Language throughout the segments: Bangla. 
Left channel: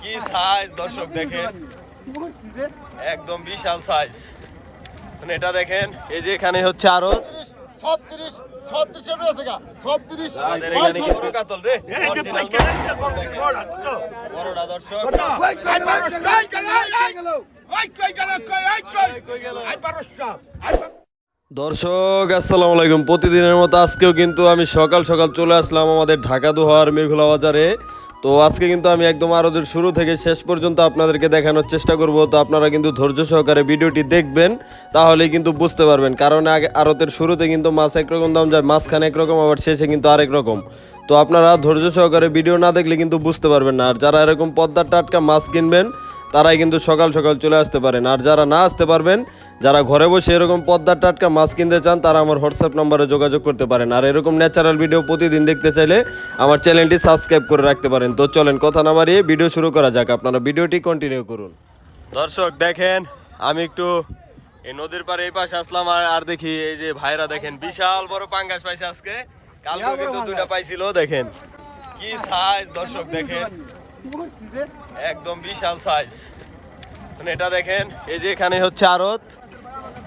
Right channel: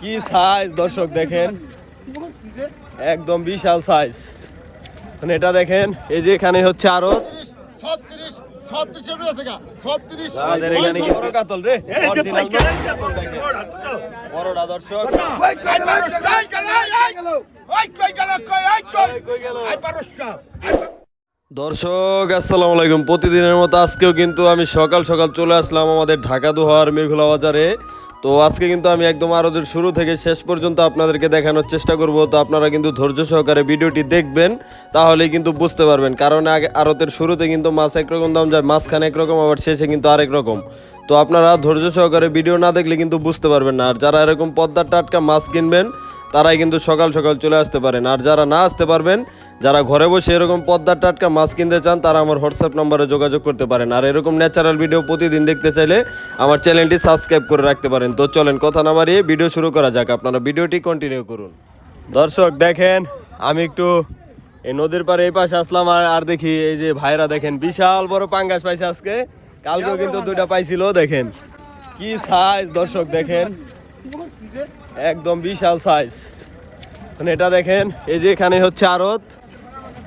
কি সাইজ দর্শক দেখেন। একদম বিশাল সাইজ মানে এটা দেখেন এই যে এখানে হচ্ছে আরও বড়টা দর্শক। দর্শক আসসালামু আলাইকুম। প্রতিদিনের মতো আজকেও কিন্তু আমি সকাল সকাল চলে আসলাম আমাদের ঢাকা দোহার মেঘলা বাজারে। তো আজকে কিন্তু আমি একদম আরোদের শুরু থেকে শেষ পর্যন্ত আপনাদেরকে দেখানোর চেষ্টা করব। তো আপনারা কিন্তু ধৈর্য সহকারে ভিডিওটি দেখবেন, তাহলেই কিন্তু বুঝতে পারবেন। কারণ আগে আরতের শুরুতে কিন্তু মাছ একরকম দাম যায়, মাঝখানে একরকম, আবার শেষে কিন্তু আরেক রকম। তো আপনারা ধৈর্য সহকারে ভিডিও না দেখলে কিন্তু বুঝতে পারবেন না। আর যারা এরকম পদ্মার টাটকা মাছ কিনবেন, তারাই কিন্তু সকাল সকাল চলে আসতে পারেন। আর যারা না আসতে পারবেন, যারা ঘরে বসে এরকম পদ্মার টাটকা মাছ কিনতে চান, তারা আমার হোয়াটসঅ্যাপ নম্বরে যোগাযোগ করতে পারেন। আর এরকম ন্যাচারাল ভিডিও প্রতিদিন দেখতে চাইলে আমার চ্যানেলটি সাবস্ক্রাইব করে রাখতে পারেন। তো চলেন, কথা না বাড়িয়ে ভিডিও শুরু করা যাক। আপনারা ভিডিওটি কন্টিনিউ করুন। দর্শক, দেখেন, আমি একটু এই নদীর পাড়ে এই পাশে আসলাম আর দেখি এই যে ভাইরা দেখেন, বিশাল বড় পাঙ্গাস পাইছে আজকে। কালকেও কিন্তু দুইটা পাইছিল দেখেন। কি সাইজ দর্শক দেখেন। একদম বিশাল সাইজ মানে এটা দেখেন এই যে এখানে হচ্ছে আড়ত।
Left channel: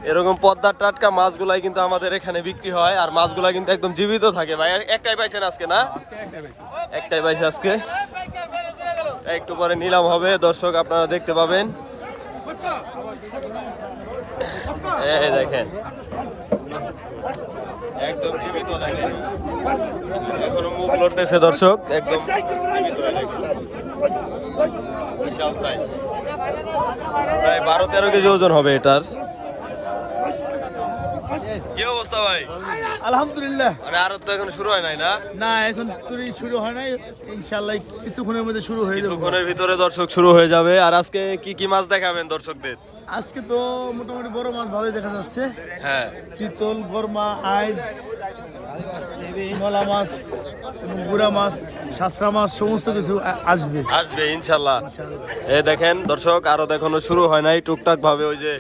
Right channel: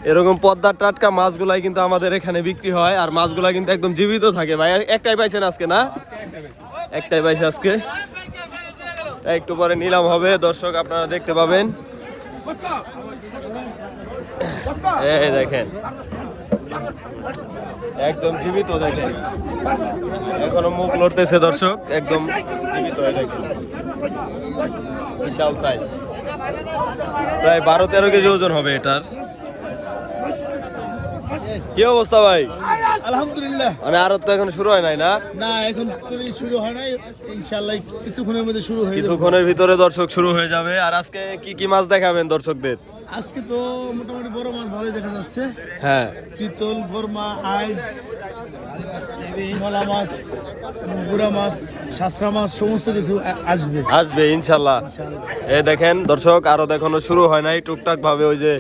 এরকম পদ্মার টাটকা মাছগুলাই কিন্তু আমাদের এখানে বিক্রি হয় আর মাছগুলা কিন্তু একদম জীবিত থাকে। ভাই একটাই পাইছেন আজকে না? একটাই পাইছে আজকে। একটু পরে নিলাম হবে দর্শক আপনারা দেখতে পাবেন। এই দেখেন। একদম জীবিত দেখেন। এখনও মুখ লড়তেছে দর্শক একদম জীবিত দেখেন। বিশাল সাইজ প্রায় বারো তেরো কেজি ওজন হবে এটার। কি অবস্থা ভাই? আলহামদুলিল্লাহ। মানে আরও তো এখন শুরু হয় নাই না? না এখন শুরু হয় নাই। ইনশাল্লাহ কিছুক্ষণের মধ্যে শুরু হয়ে যাবে। কিছুক্ষণের ভিতরে দর্শক শুরু হয়ে যাবে। আর আজকে কি কি মাছ দেখাবেন দর্শকদের? আজকে তো মোটামুটি বড় মাছ ভালোই দেখা যাচ্ছে। হ্যাঁ। চিতল গরমা আইড মলা মাছ এবং গুড়া মাছ শাসরা মাছ সমস্ত কিছু আসবে। আসবে ইনশাল্লাহ ইনশাল্লাহ এই দেখেন দর্শক আরও দেখানো শুরু হয় নাই। টুকটাক ভাবে ওই যে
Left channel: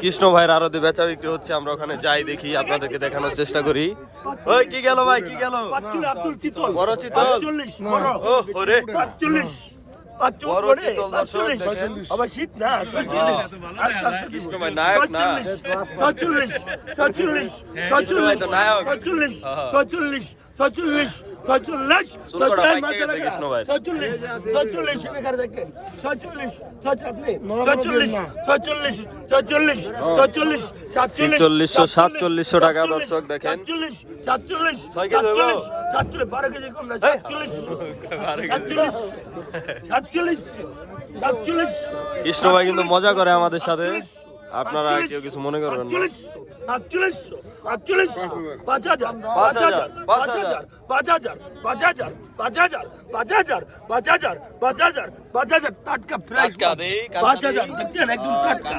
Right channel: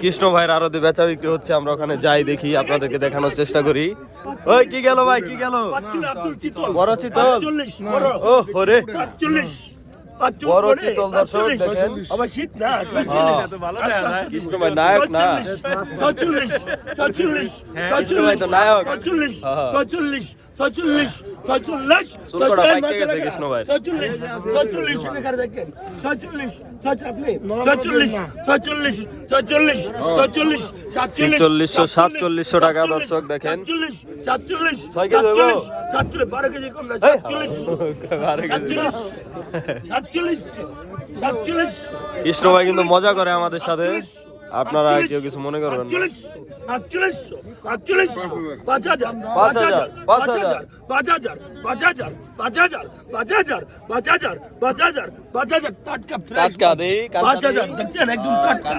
কৃষ্ণ ভাইয়ের আরও বেচা বিক্রি হচ্ছে আমরা ওখানে যাই দেখি আপনাদেরকে দেখানোর চেষ্টা করি। ওই কি গেল ভাই কি গেল? বড় চিতল। ও ওরে। বড় চিতল দর্শক দেখেন। আবার শীত না কৃষ্ণ ভাই নায়ক না? ছচল্লিশ ছচল্লিশ ভাই তো নায়ক। ছয়চল্লিশ ছয়চল্লিশ ছয়চল্লিশ সাতচল্লিশশো টাকা দর্শক দেখেন। কেজি সাতচল্লিশ কৃষ্ণ ভাই কিন্তু মজা করে আমাদের সাথে। আপনারা কেউ কিছু মনে করবেন না আটচল্লিশশো আটচল্লিশশো পাঁচ হাজার পাঁচ হাজার, পাঁচ হাজার। পাঁচ হাজার পাঁচ হাজার পাঁচ হাজার পাঁচ হাজার পাঁচ হাজার পাঁচ হাজার পাঁচ হাজার টাটকা ফ্রেশ পাঁচ হাজার। দেখছেন একদম টাটকা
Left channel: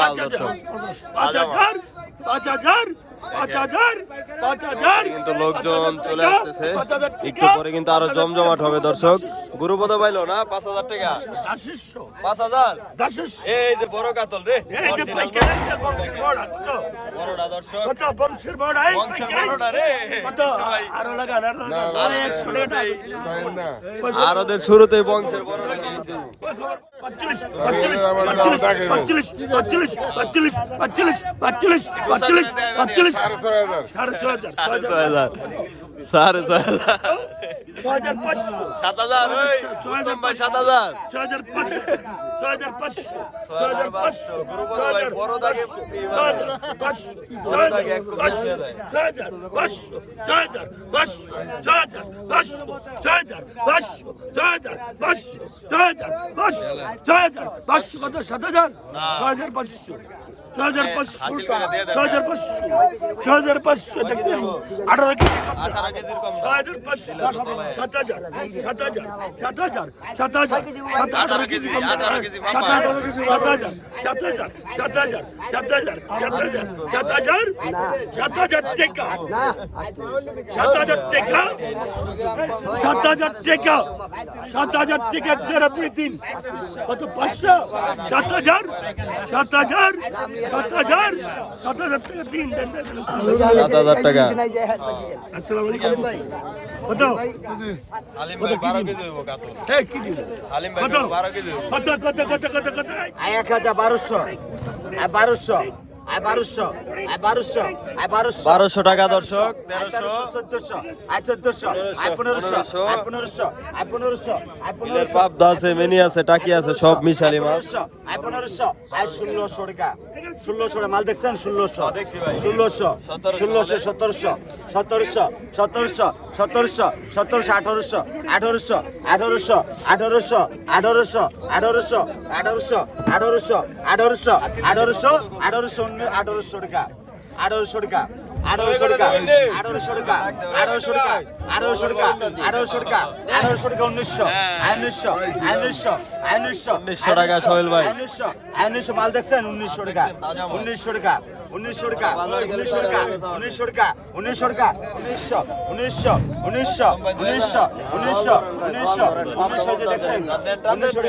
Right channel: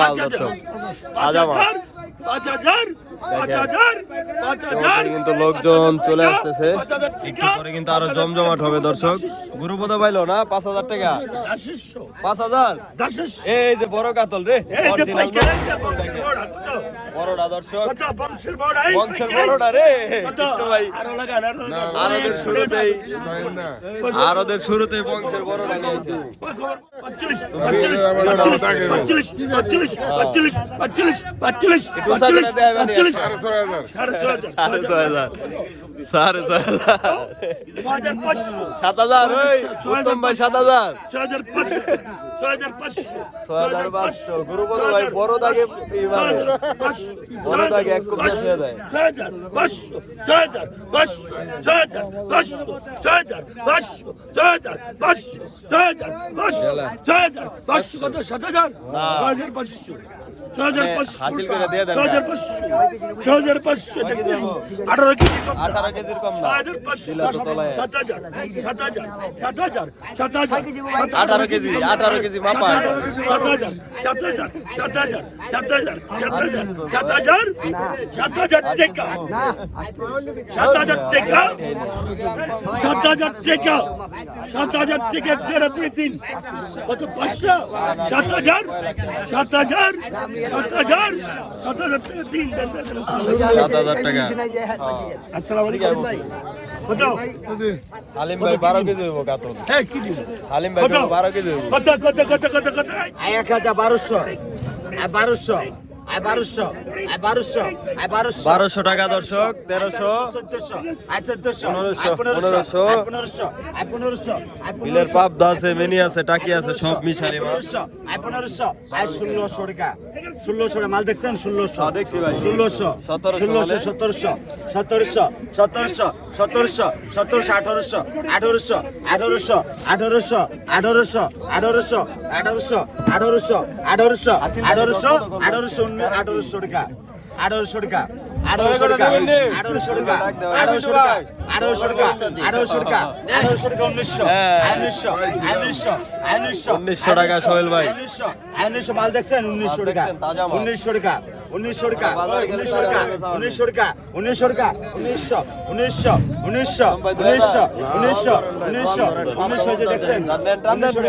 পাঁচ হাজার, পাঁচ হাজার জমজমাট হবে পাইলো না পাঁচ হাজার টাকা আরোদের শুরুতেই বংশের বড়টা নিয়েছে সাড়ে ছয় হাজার সাড়ে ছয় হাজার সাত হাজার উত্তম ভাই সাত হাজার ছ হাজার পাঁচশো ছ হাজার পাঁচশো ছয় হাজার পাঁচশো গুরুপদ ভাই বড় দাগে মানে বড় দাগে এক কোপ ছয় হাজার পাঁচশো ছয় হাজার পাঁচশো ছয় হাজার পাঁচশো ছয় হাজার পাঁচশো ছয় হাজার পাঁচশো ছয় হাজার পাঁচশো ছয় হাজার পাঁচশো কত সাত হাজার ছয় হাজার পাঁচশো છ હજાર પાંચસો છ હજાર પાંચસો અઢાર સાત હજાર સાત હજાર સાત હજાર સાત હજાર કેજી અઢાર કેજી સાત હજાર સાત હજાર સાત હજાર સાત હજાર સાત હજાર સાત હજાર સાત હજાર ટેકા સાત હજાર ટેકા সাত হাজার টাকা সাত হাজার টাকা তেরা পেতেন কত পাঁচশো সাত হাজার সাত হাজার সাত হাজার টাকা। হালিম ভাই বারো কেজি দেবো কাতল। হালিম ভাই বারো কেজি দেবো কত কত কত কত কত? এক হাজার বারোশো। বারোশো। বারোশো টাকা দর্শক তেরোশো চোদ্দশো পনেরোশো বিলের পাবদা আছে মেনি আছে টাকি আছে সব মিশালি পনেরোশো আয় ষোলোশো টাকা ষোলোশো মাল দেখছেন ষোলোশো হ্যাঁ। ষোলোশো ষোলোশো সতেরোশো সতেরোশো সতেরোশো সতেরোশো সতেরোশো আঠারোশো আঠারোশো আঠারোশো আঠারোশো আঠারোশো আঠারোশো আঠারোশো আঠারোশো আঠারোশো আঠারোশো আঠারোশো আঠারোশো টাকা। আঠারোশো টাকা আঠারোশো টাকা আঠারোশো টাকা আঠারোশো টাকা আঠারোশো টাকা আঠারোশো টাকা আঠারোশো টাকা উনিশশো উনিশশো উনিশশো উনিশশো 1900 টাকা সোহেল ভাই। উনিশশো উনিশশো মাল দেখছেন? উনিশশো টাকা। উনিশশো টাকা উনিশশো উনিশশো উনিশশো উনিশশো উনিশশো উনিশশো উনিশশো উনিশশো উনিশশো উনিশশো উনিশশো যে দেখছেন উনিশশো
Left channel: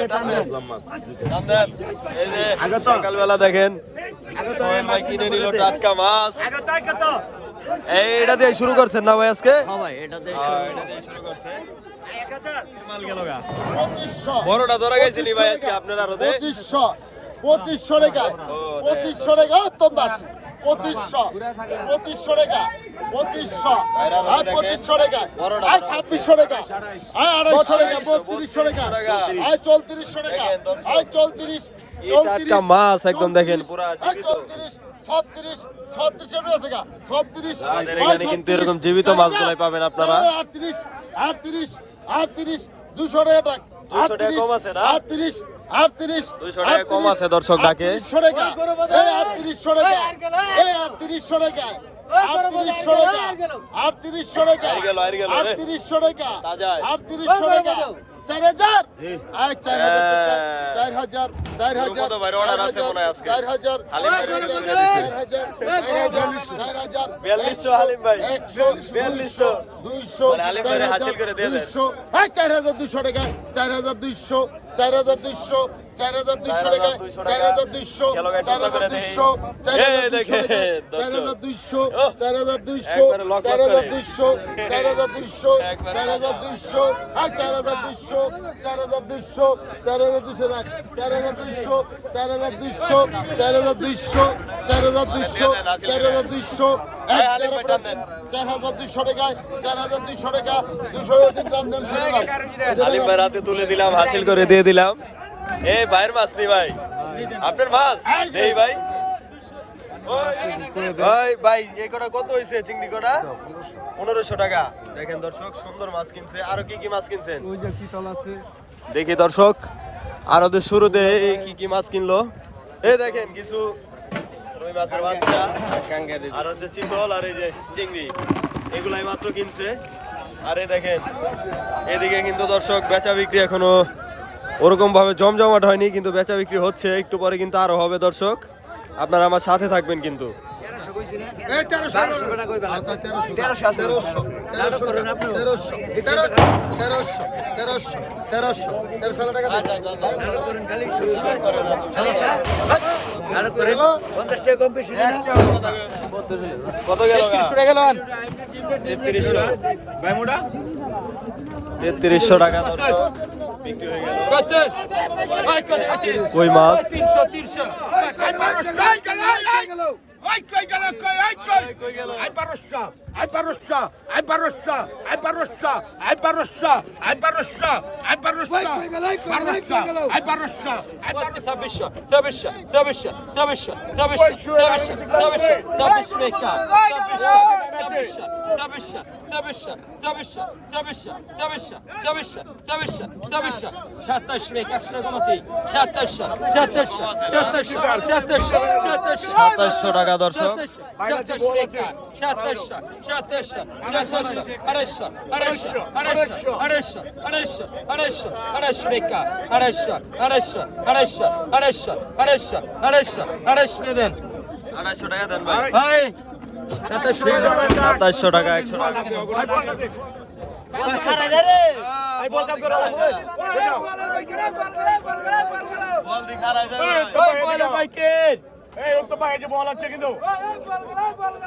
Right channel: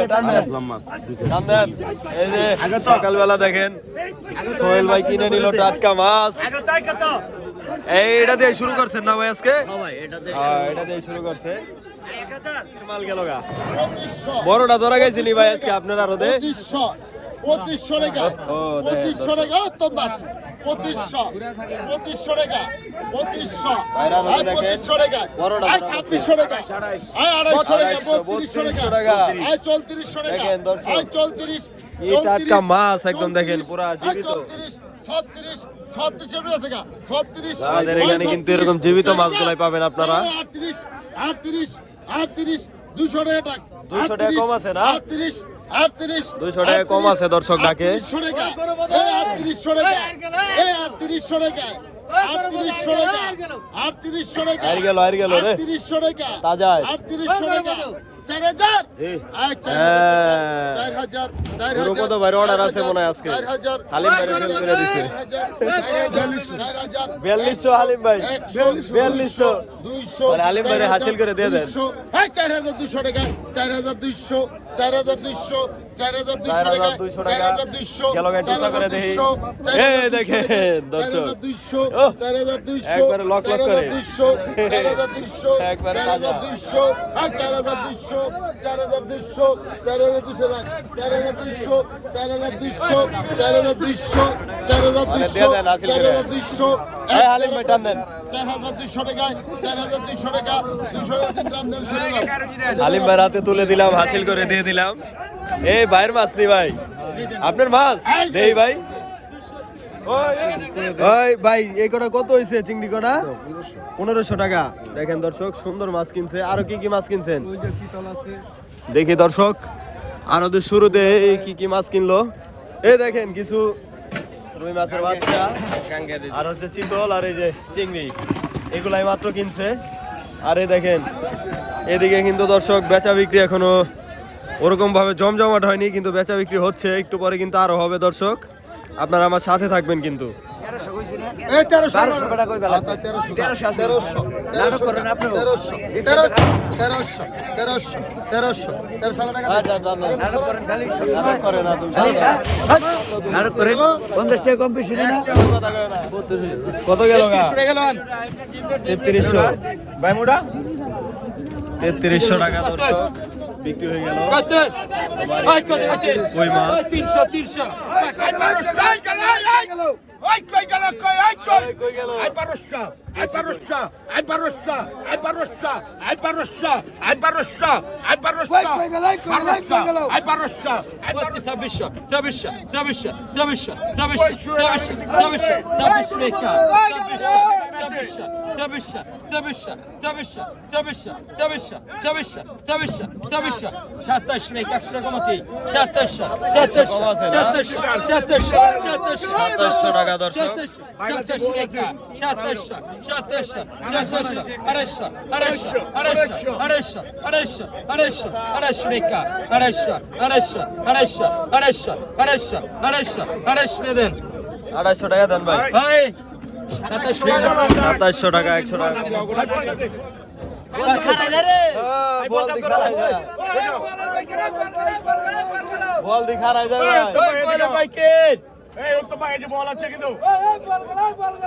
সকালবেলা দেখেন সোহেল ভাই কিনে নিল টাটকা মাছ আগে তাই কত এইটা দিয়ে শুরু করছেন না ভাই আজকে হ্যাঁ, এটা দিয়ে শুরু করছে বড়টা ধরা গেছিলি ভাই আজকে আপনার আরও পঁচিশশো টাকা ও, দেখ। পঁচিশশো টাকা উত্তম দাস পঁচিশশো পঁচিশশো টাকা পঁচিশশো আর। পঁচিশশো টাকা। ছাব্বিশশো টাকা আর আড়াইশো টাকা বত্রিশশো বত্রিশশো টাকা টাকা। আর চৌত্রিশশো টাকা আর চৌত্রিশ কি টাটকা মাছ একদম দেখেন, পুরা জীবিত। আমাদের এখানে কিন্তু এরকম জীবিত মাছগুলাই পাবেন আপনারা। আটত্রিশ আটত্রিশ আটত্রিশ দুশো টাকা 200 টাকা কম আছে না? আটত্রিশ আটত্রিশ 200 টাকা কম আছে দর্শক ডাকে। আটত্রিশশো টাকা। এই আটত্রিশশো টাকা। আটত্রিশশো টাকা। আটত্রিশশো টাকা। আটত্রিশশো টাকা। আর গেল, আর গেল রে। আটত্রিশশো টাকা। তাজায়। আটত্রিশশো টাকা। চার হাজার আয় চার হাজার হ্যাঁ। চার হাজার চার হাজার কত আছে মনে হয় আজকে? চার হাজার হালিম করে দিছে। চার হাজার, বিয়াল্লিশশো হালিম ভাই একশো বিয়াল্লিশশো দুইশো মানে আলিম হাসিল করে দিয়ে দেন। চার হাজার দুইশো টাকা চার হাজার দুইশো চার হাজার দুইশো চার হাজার দুইশো টাকা চার হাজার দুইশো চার হাজার। দুইশো চার হাজার দুইশো চার হাজার দুইশো চার হাজার দুইশো চার হাজার। দুইশো চার হাজার দুইশো চার হাজার। দুইশো চার হাজার দুইশো চার হাজার দুইশো চার হাজার দুইশো চার হাজার দুইশো চার হাজার দুইশো চার দুইশো মানে টাকা চার হাজার দুইশো টাকা ভাই রাতে তুলে দিলাম হাসিল করে দিয়ে দিলাম এই ভাইয়ের মাছ নেই ভাই। আপনার মাছ? দেই ভাই। এই কটা কত হয়েছে চিংড়ি কটা? পনেরোশো টাকা। দেখেন দর্শক সুন্দর মাছ কিনছে। আরও কি কি মাছ কিনছেন? দেখি দর্শক আরও তো শুরুতে কি কি মাছ কিনলো? এই দেখেন কিছু রুই মাছের বাচ্চা আর হচ্ছে চিতল আর এই যে চিংড়ি। এগুলাই মাত্র কিনছে। আর দেখেন এদিকে কিন্তু দর্শক বেচা বিক্রি এখনও ওরকম ভাবে জমজমাট হয়নি কিন্তু বেচা বিক্রি হচ্ছে একটু পরে কিন্তু আরও হবে দর্শক। আপনারা আমার সাথে থাকবেন কিন্তু। এই তেরোশো আচ্ছা তেরোশো তেরোশো বিক্রি হয়ে গেল। কই মাছ? তিনশো তিনশো। কই গেল কই গেল কই গেল? পঞ্চাশ টাকা কম বেশি না কত গেল তেত্রিশশো তেত্রিশশো টাকা দর্শক বিক্রি হয়ে গেল কই মাছ ছাব্বিশশো ছাব্বিশশো ছাব্বিশশো ছাব্বিশশো ছাব্বিশশো ছাব্বিশশো ছাব্বিশশো ছাব্বিশ টাকা ছাব্বিশশো ছাব্বিশশো ছাব্বিশশো ছাব্বিশশো ছাব্বিশশো ছাব্বিশশো ছাব্বিশশো ছাব্বিশশো ছাব্বিশশো সাতাশ টাকা একশো টাকা কমাচ্ছি সাতাশশো সাতাশশো সাতাশশো সাতাশশো সাতাশশো সাতাশশো টাকা দর্শক সাতাশশো টাকা সাতাশশো সাতাশশো সাতাশশো আড়াইশো আড়াইশো আড়াইশো আড়াইশো আড়াইশো আড়াইশো আড়াইশো টাকা আড়াইশো আড়াইশো আড়াইশো আড়াইশো আড়াইশো আড়াইশো আড়াইশো দেন আড়াইশো টাকা দেন ভাই ভাই সাতাশশো টাকা একশো টাকা বল ভাই বাইকের এই তো পায়ে যে বল আছে কিন্তু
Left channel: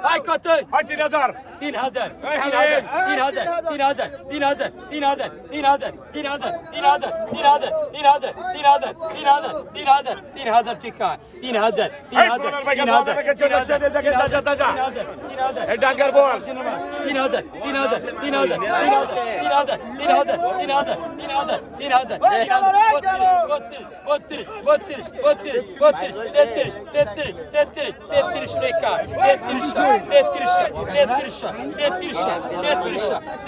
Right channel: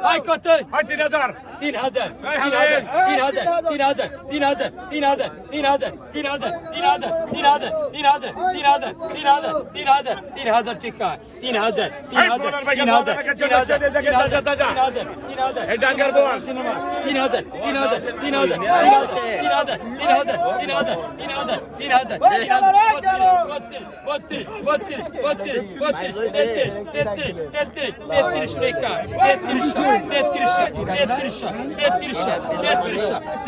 ভাই কত ভাই তিন হাজার তিন হাজার তিন হাজার তিন হাজার তিন হাজার তিন হাজার তিন হাজার তিন হাজার তিন হাজার তিন হাজার তিন হাজার তিন হাজার তিন হাজার তিন হাজার তিন হাজার তিন হাজার টিকা তিন হাজার তিন হাজার তিন হাজার তিন হাজার তিন হাজার তিন হাজার তিন হাজার এই ডাঙ্গার বল তিন হাজার তিন হাজার তিন হাজার তিন হাজার তিন হাজার তিন হাজার তিন হাজার তিন হাজার তিন হাজার বত্রিশ বত্রিশ বত্রিশ বত্রিশ তেত্রিশ তেত্রিশ তেত্রিশ তেত্রিশ রেখা তেত্রিশ তেত্রিশ তেত্রিশ তেত্রিশ তেত্রিশ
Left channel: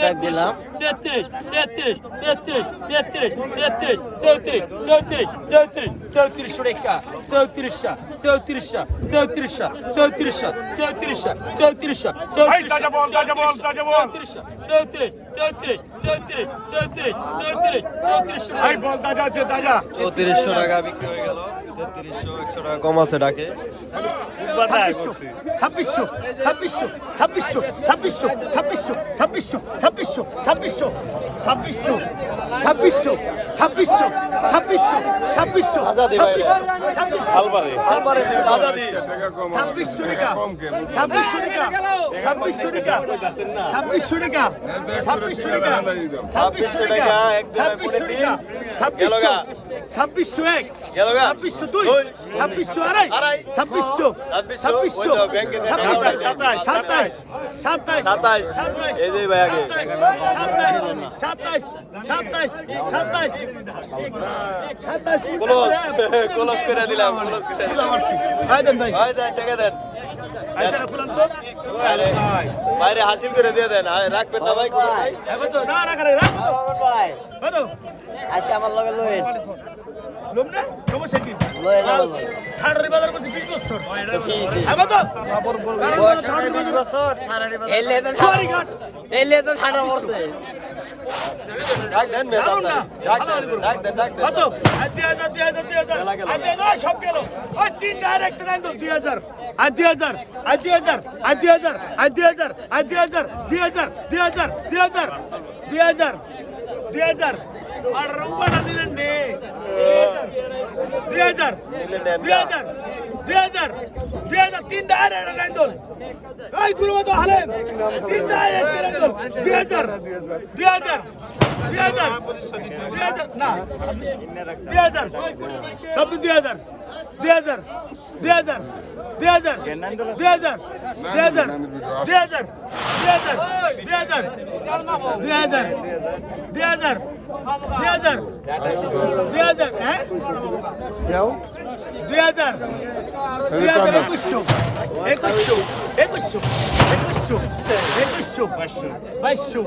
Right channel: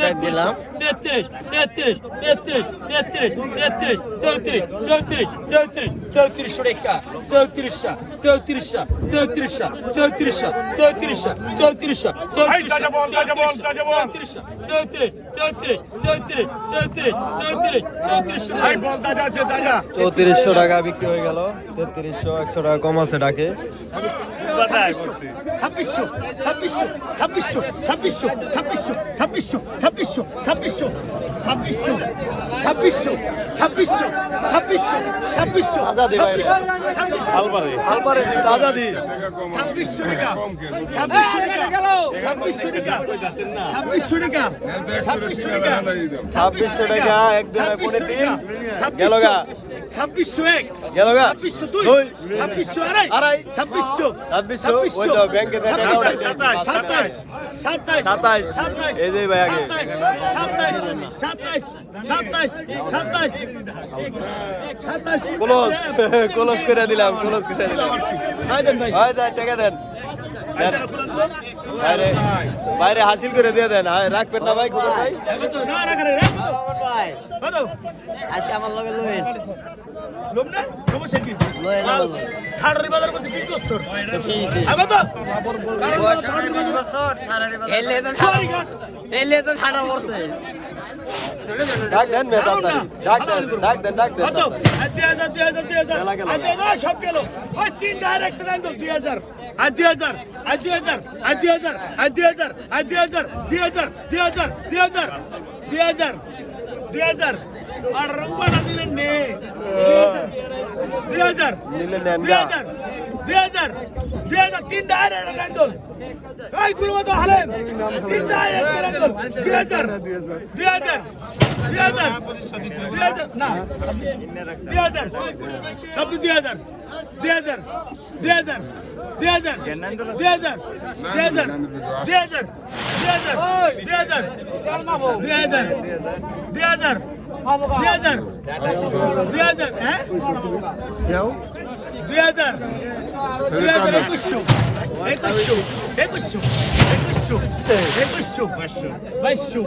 তেত্রিশ তেত্রিশ তেত্রিশ তেত্রিশ তেত্রিশ তেত্রিশ চৌত্রিশ চৌত্রিশ চৌত্রিশ চৌত্রিশ রেখা চৌত্রিশ চৌত্রিশ চৌত্রিশ চৌত্রিশ চৌত্রিশ চৌত্রিশ চৌত্রিশশো চৌত্রিশশো চৌত্রিশশো চৌত্রিশশো চৌত্রিশশো চৌত্রিশ। চৌত্রিশশো টাকা বিক্রি হয়ে গেল তেত্রিশশো একশো টাকা কম আছে ডাকে ছাব্বিশশো ছাব্বিশশো ছাব্বিশশো ছাব্বিশশো ছাব্বিশশো ছাব্বিশশো ছাব্বিশশো ছাব্বিশশো ছাব্বিশশো ছাব্বিশশো ছাব্বিশশো ছাব্বিশশো ছাব্বিশশো ছাব্বিশশো টাকা ছাব্বিশশো টাকা ছাব্বিশশো টাকা ছাব্বিশশো টাকা ছাব্বিশশো টাকা। একজনের পরে ছাব্বিশশো এক। গেল গা। ছাব্বিশশো দুই। ছাব্বিশশো আড়াই। ছাব্বিশশো। ছাব্বিশশো। ব্যাংকে সাতাশ। সাতাশ। সাতাশ। এই যে ভাই আগে। সাতাশ। সাতাশ। সাতাশ। সাতাশ। সাতাশ। কলস করে দিলাম। কলস করে দিলাম। ভাই দেন ভাই। ভাই দেন টাকা দেন। বাইরে হাসিল করে দিয়ে দেন। রাখবেন না ভাই খবর ভাই আজকে আমার লগে লোহেন লোক না? সমস্যা কি? ডাক দেন না ডাক দেন ডাক দেন ডাক দেন দুই হাজার দুই হাজার দুই হাজার সব গেল ওই তিন ডাইরেক্ট তো দুই হাজার আর দুই হাজার আর দুই হাজার আর দুই হাজার আর দুই হাজার আর দুই হাজার দুই হাজার দুই হাজার দুই হাজার দুই হাজার দুই হাজার আর রুবানা দিলেন নে দুই হাজার দুই। হাজার দুই হাজার দুই হাজার তিন ডাইরেক্ট লাইন তো এই গুরুমা তো হালে তিন ডাইরেক্ট লাইন তো দুই হাজার দুই হাজার দুই হাজার দুই হাজার না দুই হাজার সব দুই হাজার দুই হাজার দুই হাজার দুই হাজার দুই হাজার দুই হাজার দুই হাজার দুই হাজার দুই হাজার দুই হাজার দুই হাজার দুই হাজার দুই হাজার হ্যাঁ দুই হাজার। দুই হাজার একুশশো। একুশশো। একুশশো। একুশশো। একুশশো। বাইশশো।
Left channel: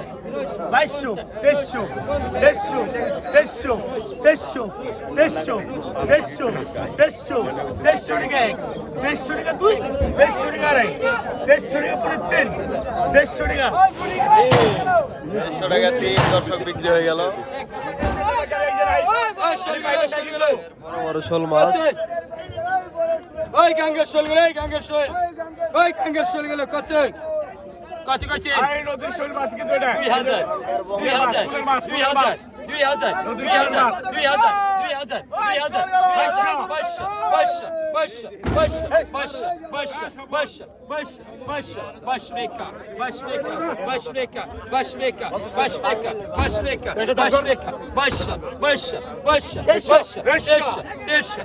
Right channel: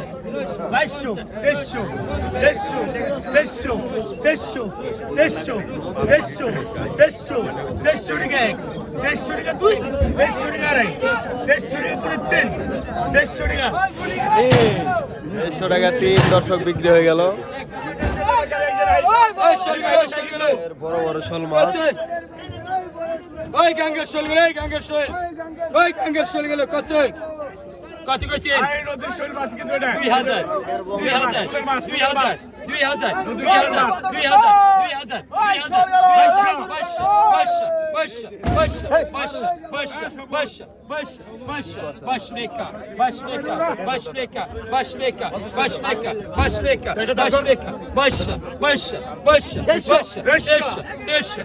বাইশশো। তেইশশো তেইশশো তেইশশো তেইশশো তেইশশো তেইশশো তেইশশো তেইশশো টাকা এক। দেড়শো টাকা দুই। দেড়শো টাকা আড়াই। দেড়শো টাকা করে তিন। দেড়শো টাকা। দেড়শো টাকা তিন দর্শক বিক্রি হয়ে গেল। বড় বড় শোল মাছ ওই গাঙ্গের শোলগুলো ওই গাঙ্গের শোল ওই গাঙ্গের শোলগুলো কত কত করছে এই দুই হাজার দুই হাজার দুই হাজার দুই হাজার দুই হাজার দুই হাজার দুই হাজার দুই হাজার বাইশশো বাইশশো বাইশশো বাইশশো বাইশশো বাইশশো বাইশশো বাইশশো বাইশশো রেখা বাইশ রেখা বাইশ রেখা বাইশ রেখা বাইশ রেখা বাইশ রেখা বাইশ রেখা বাইশশো বাইশশো বাইশশো বাইশশো দেড়শো দেড়শো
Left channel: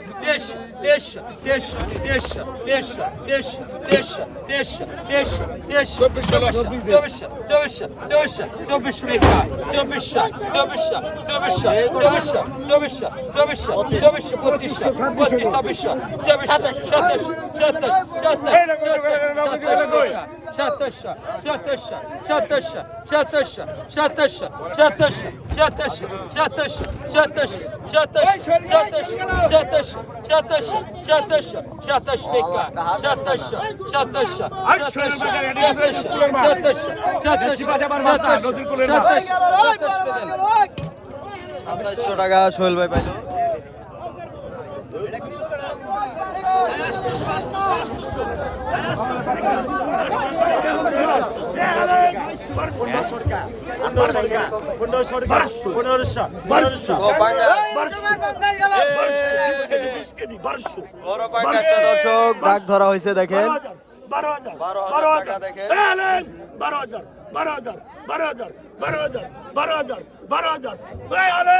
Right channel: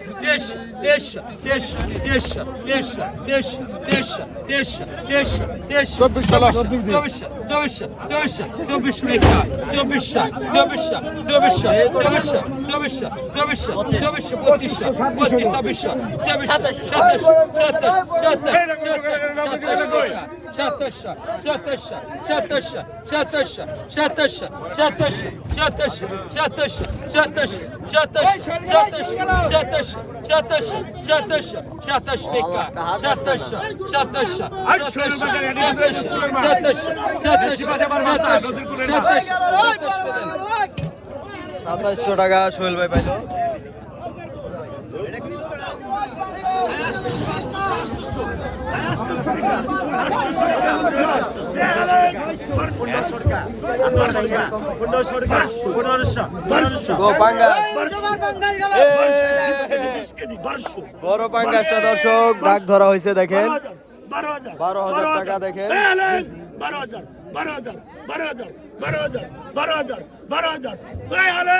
দেড়শো দেড়শো দেড়শো দেড়শো দেড়শো দেড়শো দেড়শো দেড়শো দেড়শো দেড়শো চব্বিশশো চব্বিশশো চব্বিশশো চব্বিশশো রেখা চব্বিশশো চব্বিশশো সাতাশশো টাকা সোহেল ভাই পাইল। দর্শক ডাক ধরা হয়েছে দেখেন বারো হাজার টাকা দেখেন। বারো হাজার বারো হাজার বারো হাজার বারো হাজার বারো হাজার বারো হাজার বারো হাজার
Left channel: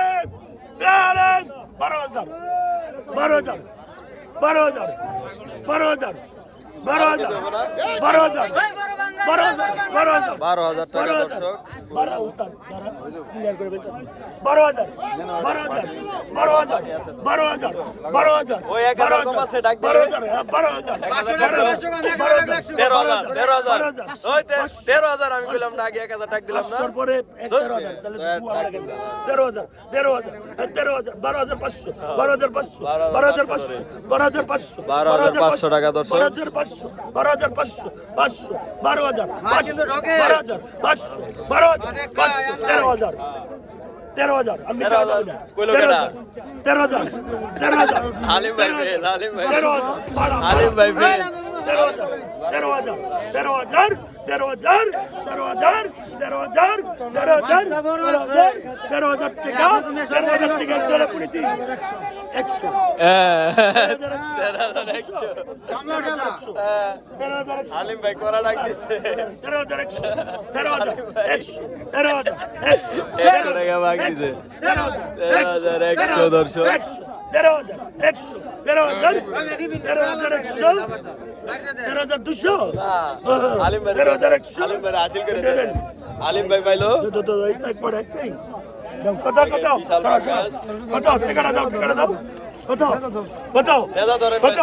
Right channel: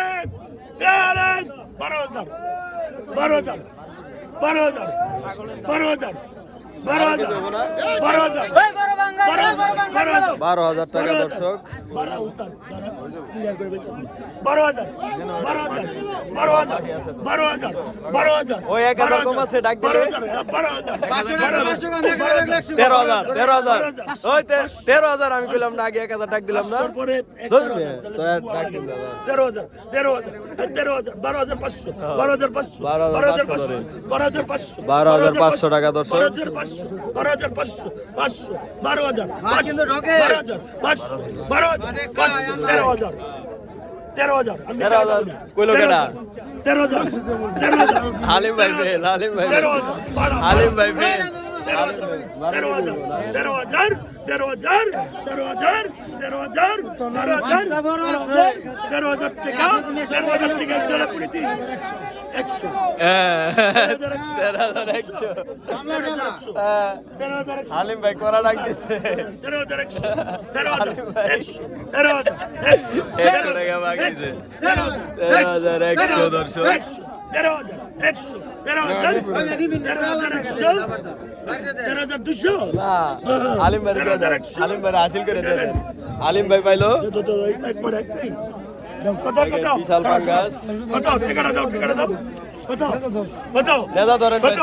বারো হাজার বারো হাজার বারো হাজার বারো হাজার। বারো হাজার বারো হাজার বারো হাজার টাকা দর্শক বারো হাজার বারো হাজার বারো হাজার বারো হাজার ওই এক হাজার কম আছে, ডাক? বারো হাজার হ্যাঁ, বারো হাজার তেরো হাজার তেরো হাজার ওই তেরো হাজার আমি কইলাম না আগে এক হাজার টাক দিলাম না তেরো হাজার। তেরো হাজার তেরো বারো হাজার পাঁচশো বারো হাজার পাঁচশো বারো হাজার পাঁচশো পাঁচশো বারো হাজার পাঁচশো বারো হাজার পাঁচশো টাকা দর্শক। বারো হাজার পাঁচশো বারো হাজার পাঁচশো পাঁচশো বারো হাজার পাঁচশো বারো হাজার পাঁচশো বারো হাজার পাঁচশো তেরো হাজার তেরো হাজার আমি তেরো হাজার, কইলো? হাজার, তেরো হাজার তেরো হাজার ভাই হালিম ভাই। হালিম ভাই তেরো হাজার তেরো হাজার তেরো হাজার তেরো হাজার তেরো হাজার তেরো হাজার তেরো হাজার টাকা তেরো হাজার টাকা হ্যাঁ তেরো হাজার একশো হ্যাঁ, হালিম ভাই করা হাজার একশো দর্শক তেরো হাজার একশো তেরো হাজার তেরো হাজার একশো তেরো হাজার দুশো। আলিম ভাই তেরো হাজার একশো। আলিম ভাই হাসিল করে দেবেন আলিম ভাই পাইলো। একবার একটাই কথা কথা। বিশাল কথা ঠিকানা দাও ঠিকানা দাও। কথা কথা। দাদা ধরেন কথা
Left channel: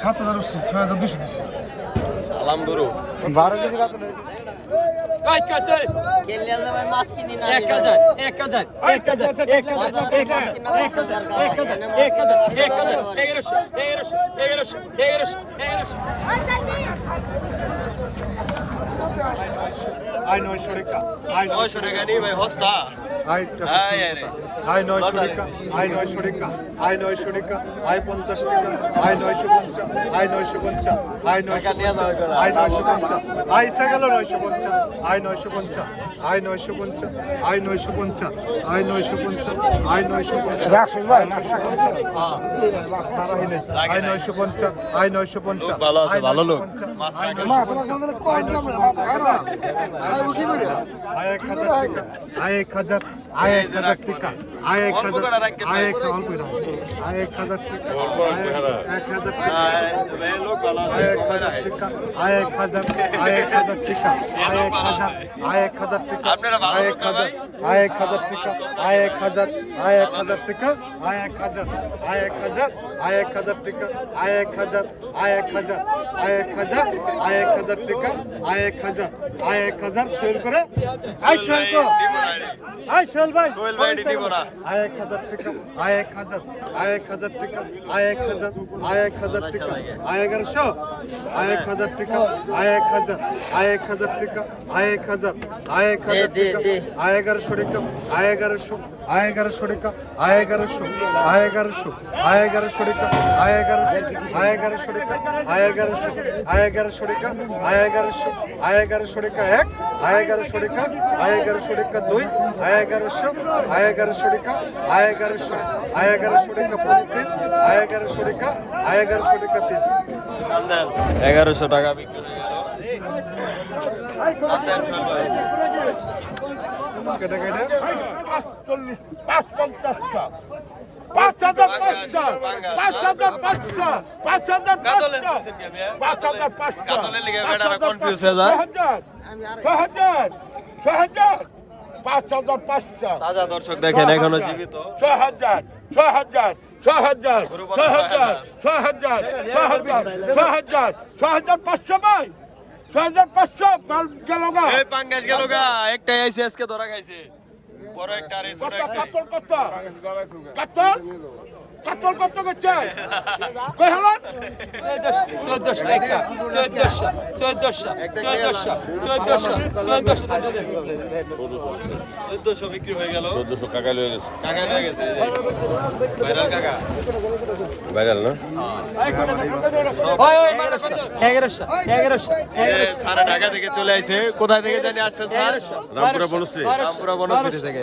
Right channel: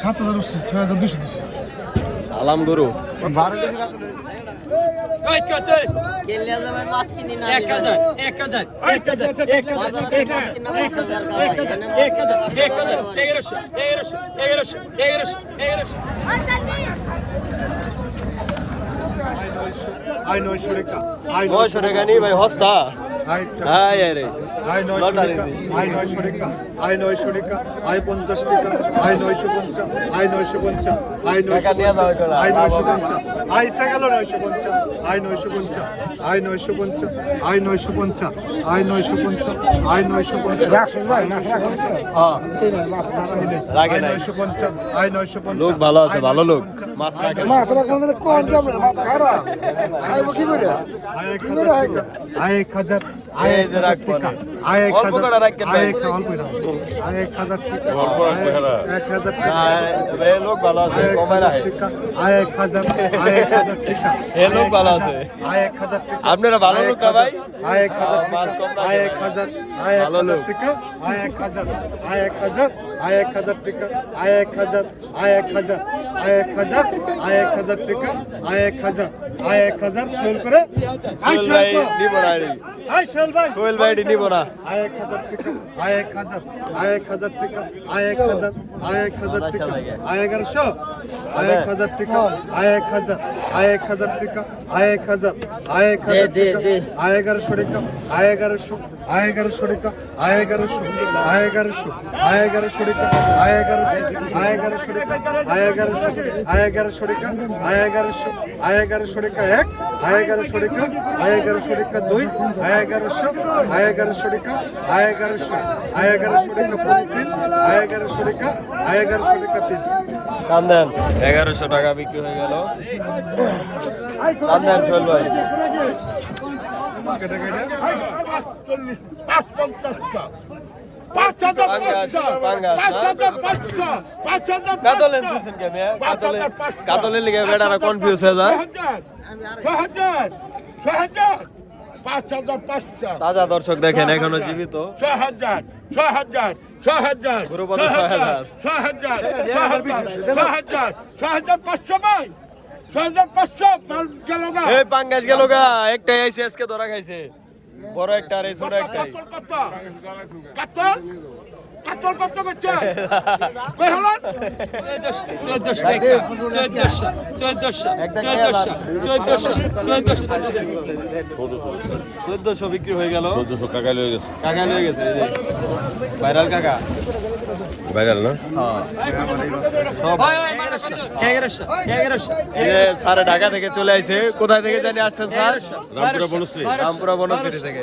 সাত হাজার উঠছে ছয় হাজার দুশো দিচ্ছে আলাম গরু বারো কেজি আয় নয়শো টাকা আয় নয়শো টাকা নেই ভাই হস্তা আই হাই রে আই নয়শো টাকা আই নয়শো টাকা আই নয়শো টাকা আই পঞ্চাশ টাকা আই নয়শো পঞ্চাশ আই নয়শো পঞ্চাশ আই নয়শো পঞ্চাশ। আই নয়শো পঞ্চাশ আই সাগালো নয়শো পঞ্চাশ আই নয়শো পঞ্চাশ আই নয়শো পঞ্চাশ আই নয়শো পঞ্চাশ আই নয়শো পঞ্চাশ আই নয়শো পঞ্চাশ আই নয়শো পঞ্চাশ হ্যাঁ নাই। নয়শো পঞ্চাশ আই নয়শো পঞ্চাশ লোক ভালো আছে, ভালো লোক। আই এক হাজার টাকা এক হাজার আয় এক হাজার টাকা আয় এক হাজার আয় এক অল্প আয় এক হাজার টাকা এক হাজার টাকা আয় এক হাজার আয় এক হাজার টাকা আয় এক হাজার টাকা আপনারা ভালো লোক ভাই আয় এক হাজার টাকা আয় এক হাজার আয় এক হাজার টাকা আয় এক হাজার আয় এক হাজার আয় এক হাজার টাকা আয় এক হাজার আয় এক হাজার আয় এক হাজার আয় আয় এক হাজার আই এক হাজার সোহেল করে আই সোহেল। আই সোহেল ভাই সোহেল ভাই এটি নিব না আই এক হাজার টাকা আই এক হাজার আই এক হাজার টাকা আই এক হাজার আই এক হাজার টাকা আই এগারোশো আই এক হাজার টাকা আই এক হাজার আই এক হাজার টাকা আই এক হাজার আই এক হাজার টাকা আই এগারোশো টাকা আই এগারোশো আই এগারোশো টাকা আই এগারোশো আই এগারোশো আই এগারোশো টাকা আই এগারোশো আই এগারোশো টাকা আই এগারোশো আই এগারোশো টাকা আই এগারোশো আই এগারোশো টাকা এক আই এগারোশো টাকা আই এগারোশো টাকা দুই আই এগারোশো আই এগারোশো টাকা আই এগারোশো আই এগারোশো টাকা পনেরো তিন আই এগারোশো টাকা আই এগারোশো টাকা তিন দেন এগারোশো টাকা বিক্রি হয়ে গেল টান দেন সোহেল ভাই কেটে কেটে পাঁচ পঞ্চাশটা পাঁচ হাজার পাঁচটা পাঁচ হাজার পাঁচটা পাঁচ হাজার পাঁচটা পাঁচ হাজার পাঁচটা confuse হয়ে যায়। পাঁচ হাজার পাঁচশো তাজা দর্শক দেখেন এখনও জীবিত ছ হাজার ছ হাজার ছ হাজার ছ হাজার ছ হাজার ছ হাজার ছ হাজার ছ হাজার পাঁচশো ভাই ছ হাজার পাঁচশো মাল গেল না এই পাঙ্গাস গেল গা একটাই আইছে আজকে ধরা খাইছে বড় একটা আর এই ছোট একটাই কই হলো? 1400 বিক্রি হয়ে গেল। 1400 গেছে। গেছে ভাইরাল কাকা। ভাইরাল না? হ্যাঁ। সারা ঢাকা থেকে চলে আইছে। কোথায় থেকে জানি আসছেন স্যার? রামপুরা বনশ্রী। রামপুরা বনশ্রী থেকে।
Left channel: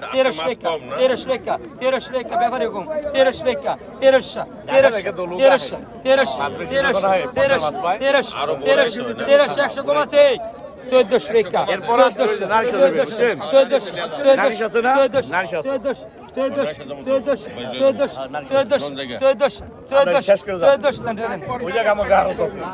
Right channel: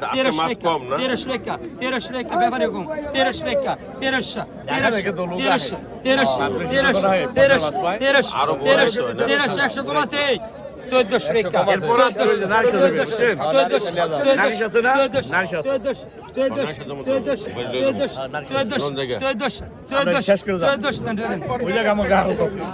তেরোশো টাকা তেরোশো টাকা তেরোশো টাকা ব্যাপারে কম তেরোশো টাকা তেরোশো তেরোশো তেরোশো তেরোশো তেরোশো তেরোশো তেরোশো তেরোশো তেরোশো একশো কম আছে চোদ্দশো চোদ্দশো চোদ্দশো চোদ্দশো চোদ্দশো চোদ্দশো চোদ্দশো চোদ্দশো চোদ্দশো চোদ্দশো চোদ্দশো চোদ্দশো